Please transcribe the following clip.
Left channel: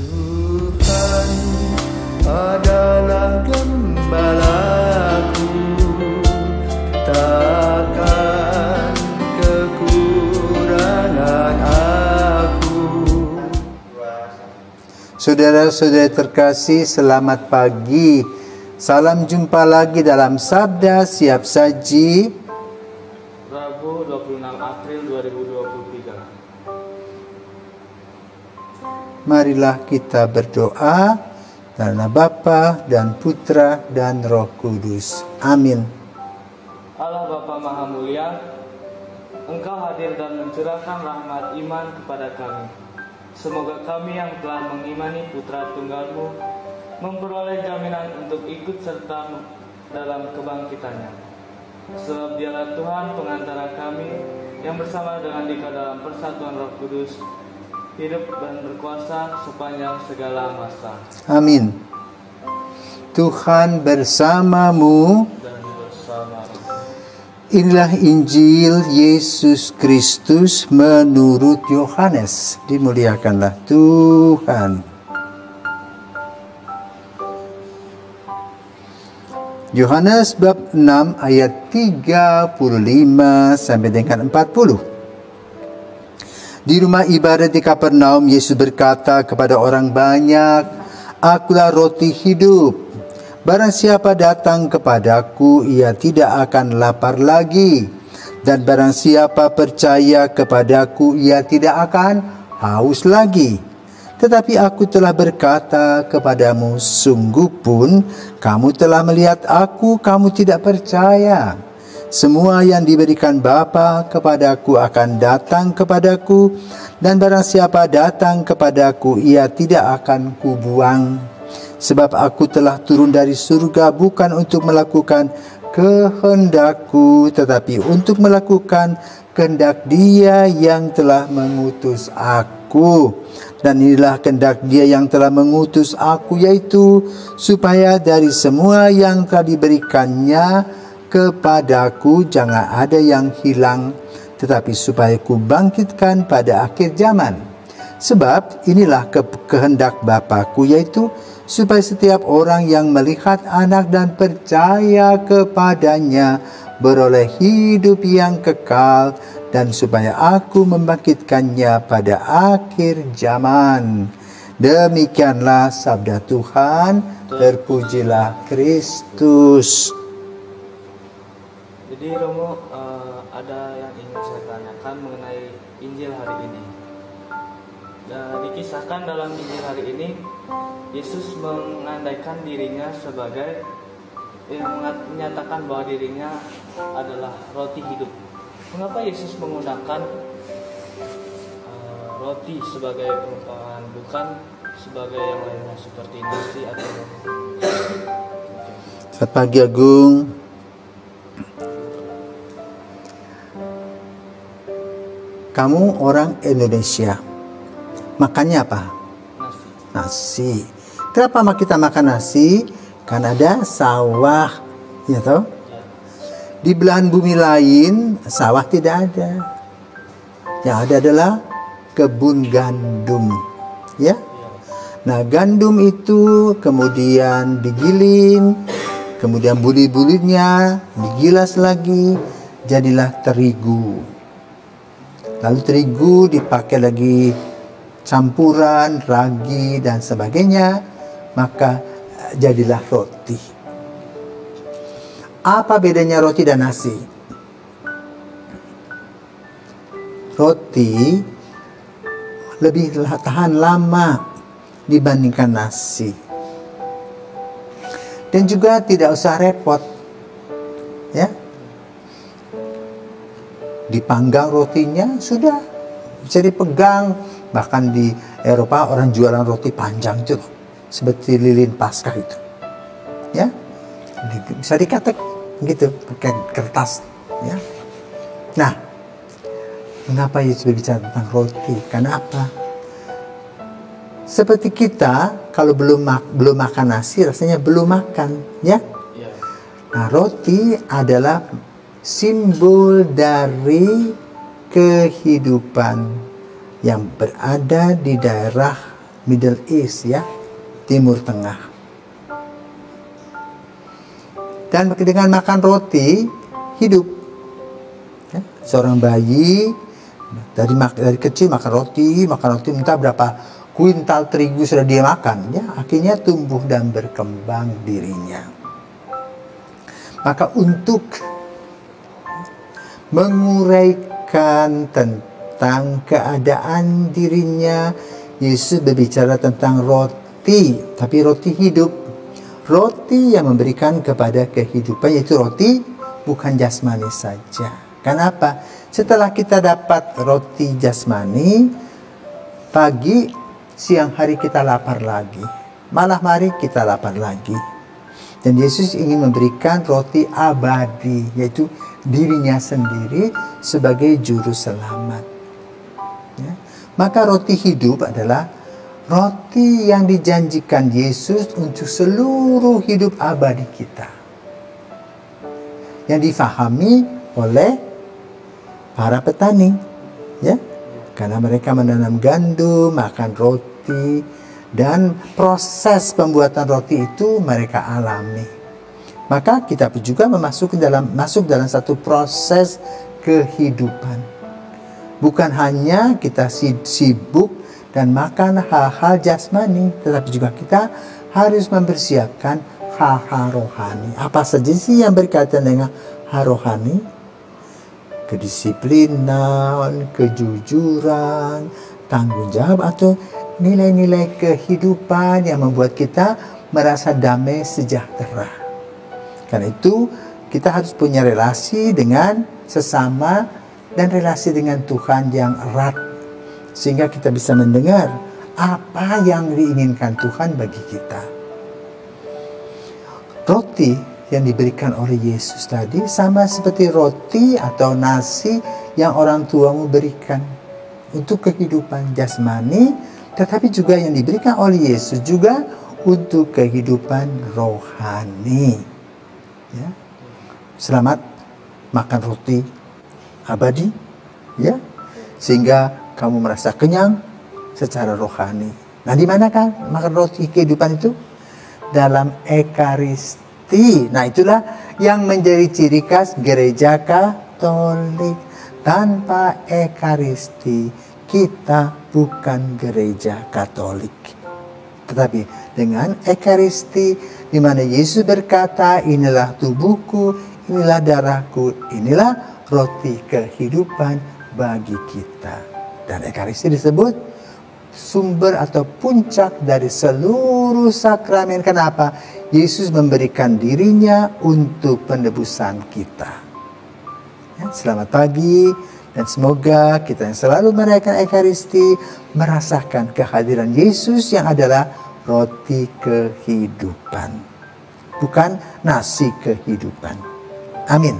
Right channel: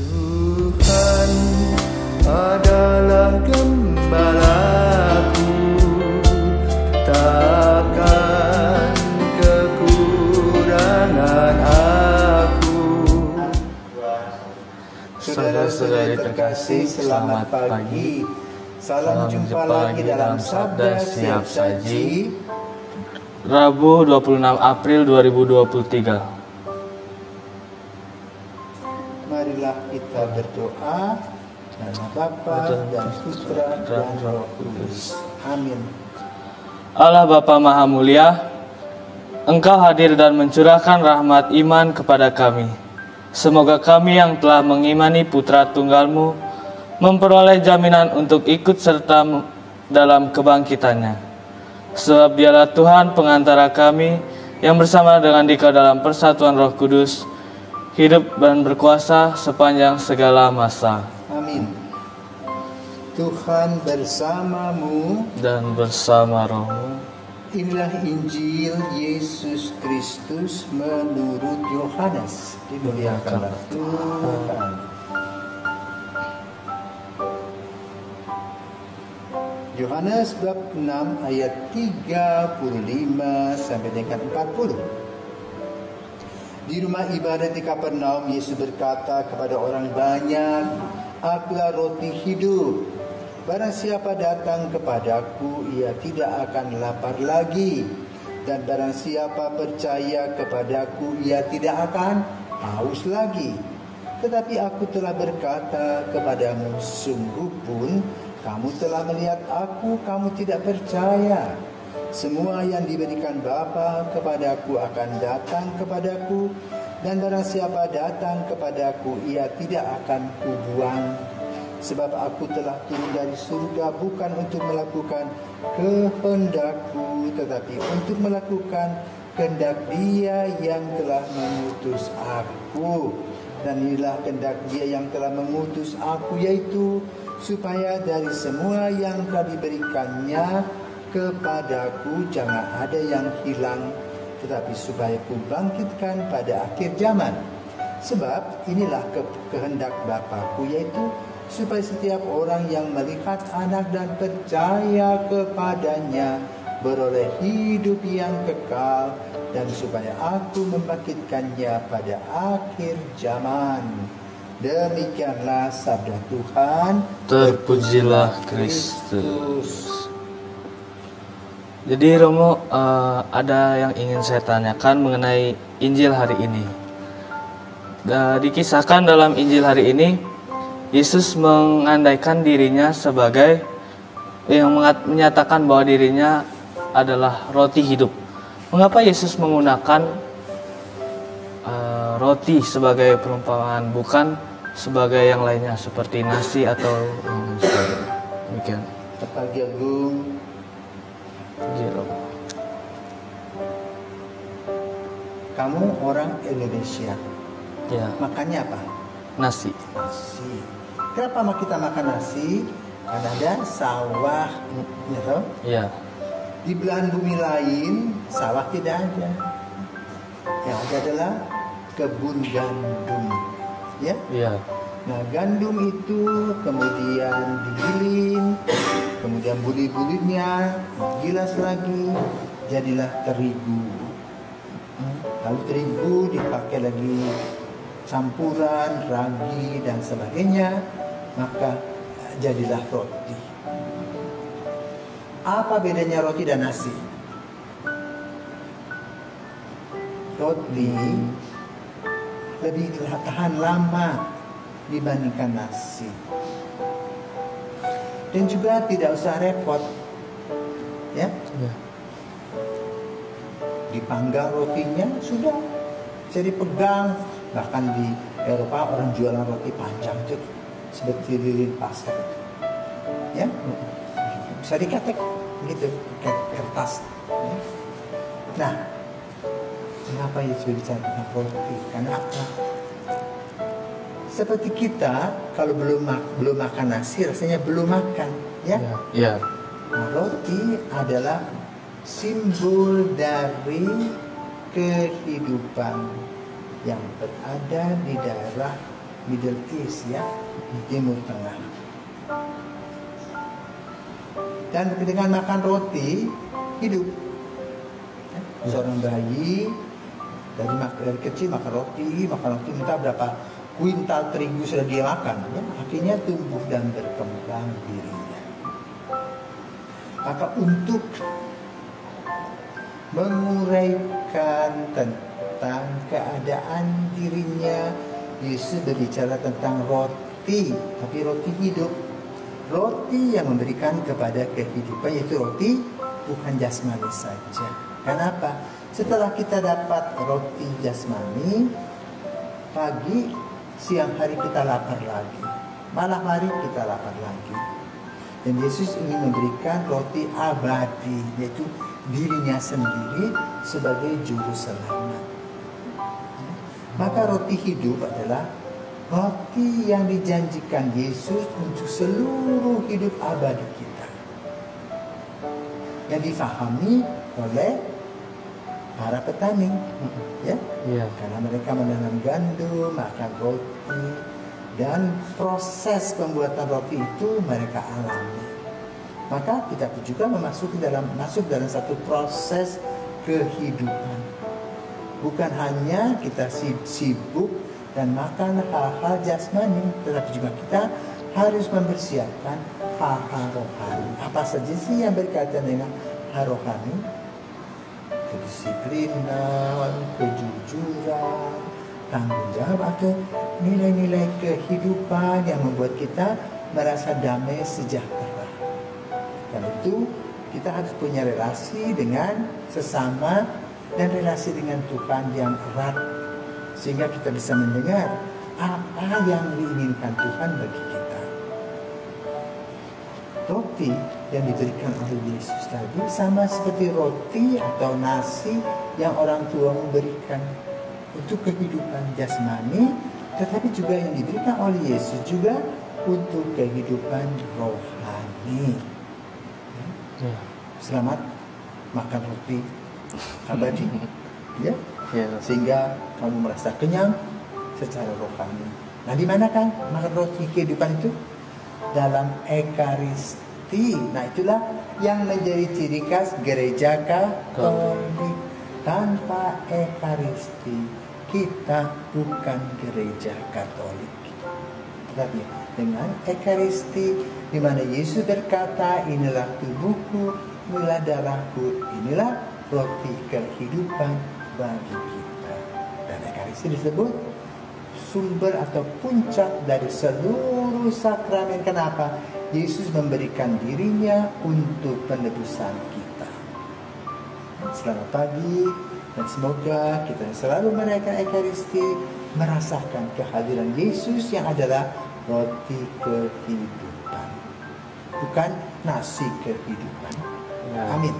Tuhan adalah gembalaku, takkan kekurangan aku. Saudara-saudara terkasih, selamat pagi. Salam jumpa lagi dalam Sabda Siap Saji, Rabu 26 April 2023. Marilah kita berdoa karena Bapa dan Putra dan Roh Kudus. Amin. Allah Bapa Maha Mulia, Engkau hadir dan mencurahkan rahmat iman kepada kami. Semoga kami yang telah mengimani Putra Tunggal-Mu memperoleh jaminan untuk ikut serta dalam kebangkitannya. Sebab Dialah Tuhan pengantara kami yang bersama dengan Dikau dalam persatuan Roh Kudus, hidup dan berkuasa sepanjang segala masa. Amin. Tuhan bersamamu Dan bersama rohmu. Inilah Injil Yesus Kristus menurut Yohanes. Dimuliakanlah Tuhan. Yohanes bab 6 ayat 35 sampai dengan 40. Di rumah ibadat di Kapernaum, Yesus berkata kepada orang banyak, "Akulah roti hidup. Barang siapa datang kepadaku, ia tidak akan lapar lagi. Dan barang siapa percaya kepadaku, ia tidak akan haus lagi. Tetapi aku telah berkata kepadamu, sungguh pun kamu telah melihat aku, kamu tidak percaya. Semua yang diberikan Bapa kepadaku akan datang kepadaku, dan barang siapa datang kepadaku, ia tidak akan kubuang. Sebab aku telah turun dari surga bukan untuk melakukan kehendakku, tetapi untuk melakukan kehendak Dia yang telah mengutus aku. Dan inilah kehendak Dia yang telah mengutus aku, yaitu supaya dari semua yang telah diberikannya kepadaku jangan ada yang hilang, tetapi supaya ku bangkitkan pada akhir zaman. Sebab inilah kehendak Bapa-Ku, yaitu supaya setiap orang yang melihat Anak dan percaya kepadanya beroleh hidup yang kekal, dan supaya aku membangkitkannya pada akhir zaman. Demikianlah sabda Tuhan. Terpujilah Kristus. Jadi Romo, ada yang ingin saya tanyakan mengenai Injil hari ini. Dikisahkan dalam Injil hari ini, Yesus mengandaikan dirinya sebagai yang menyatakan bahwa dirinya adalah roti hidup. Mengapa Yesus menggunakan roti sebagai perumpamaan, bukan sebagai yang lainnya seperti nasi atau demikian? Selamat pagi Agung. Kamu orang Indonesia, Ya. makannya apa? Nasi. Nasi. Kenapa kita makan nasi? Karena ada sawah, ya toh? Ya. Di belahan bumi lain sawah tidak ada. Yang ada adalah kebun gandum, ya. Ya. Nah, gandum itu kemudian digiling, kemudian bulir-bulirnya digilas lagi, jadilah terigu. Lalu terigu dipakai lagi campuran, ragi dan sebagainya, maka jadilah roti. Apa bedanya roti dan nasi? Roti lebih tahan lama dibandingkan nasi. Dan juga tidak usah repot. Ya. Dipanggang rotinya sudah bisa dipegang. Bahkan di Eropa orang jualan roti panjang itu seperti lilin Paskah itu, ya, bisa diketek gitu pakai kertas, ya. Nah, mengapa Yesus berbicara tentang roti? Karena apa? Seperti kita kalau belum makan nasi rasanya belum makan, ya. Ya. Nah, roti adalah simbol dari kehidupan yang berada di daerah Middle East ya, Timur Tengah. Dan dengan makan roti hidup. Ya, seorang bayi dari kecil makan roti, entah berapa kuintal terigu sudah dia makan, ya, akhirnya tumbuh dan berkembang dirinya. Maka untuk menguraikan tentang keadaan dirinya, Yesus berbicara tentang roti, tapi roti hidup. Roti yang memberikan kepada kehidupan, yaitu roti bukan jasmani saja. Kenapa? Setelah kita dapat roti jasmani, pagi, siang hari kita lapar lagi. Malam hari kita lapar lagi. Dan Yesus ingin memberikan roti abadi, yaitu dirinya sendiri sebagai juru selamat. Ya. Maka roti hidup adalah roti yang dijanjikan Yesus untuk seluruh hidup abadi kita. Yang difahami oleh para petani. Ya. Karena mereka menanam gandum, makan roti, dan proses pembuatan roti itu mereka alami. Maka kita juga masuk dalam satu proses kehidupan. Bukan hanya kita sibuk dan makan hal-hal jasmani, tetapi juga kita harus mempersiapkan hal-hal rohani. Apa saja sih yang berkaitan dengan hal rohani? Kedisiplinan, kejujuran, tanggung jawab, atau nilai-nilai kehidupan yang membuat kita merasa damai sejahtera. Karena itu kita harus punya relasi dengan sesama dan relasi dengan Tuhan yang erat, sehingga kita bisa mendengar apa yang diinginkan Tuhan bagi kita. Roti yang diberikan oleh Yesus tadi sama seperti roti atau nasi yang orang tuamu berikan untuk kehidupan jasmani, tetapi juga yang diberikan oleh Yesus juga untuk kehidupan rohani. Ya. Selamat makan roti abadi, ya, sehingga kamu merasa kenyang secara rohani. Nah, di manakah makan roti kehidupan itu? Dalam Ekaristi. Nah, itulah yang menjadi ciri khas gereja Katolik. Tanpa Ekaristi kita bukan gereja Katolik. Tetapi dengan Ekaristi, di mana Yesus berkata, inilah tubuhku, inilah darahku, inilah roti kehidupan bagi kita. Dan Ekaristi disebut sumber atau puncak dari seluruh sakramen. Kenapa? Yesus memberikan dirinya untuk penebusan kita. Ya, selamat pagi, dan semoga kita yang selalu merayakan Ekaristi merasakan kehadiran Yesus yang adalah roti kehidupan, bukan nasi kehidupan. Amin.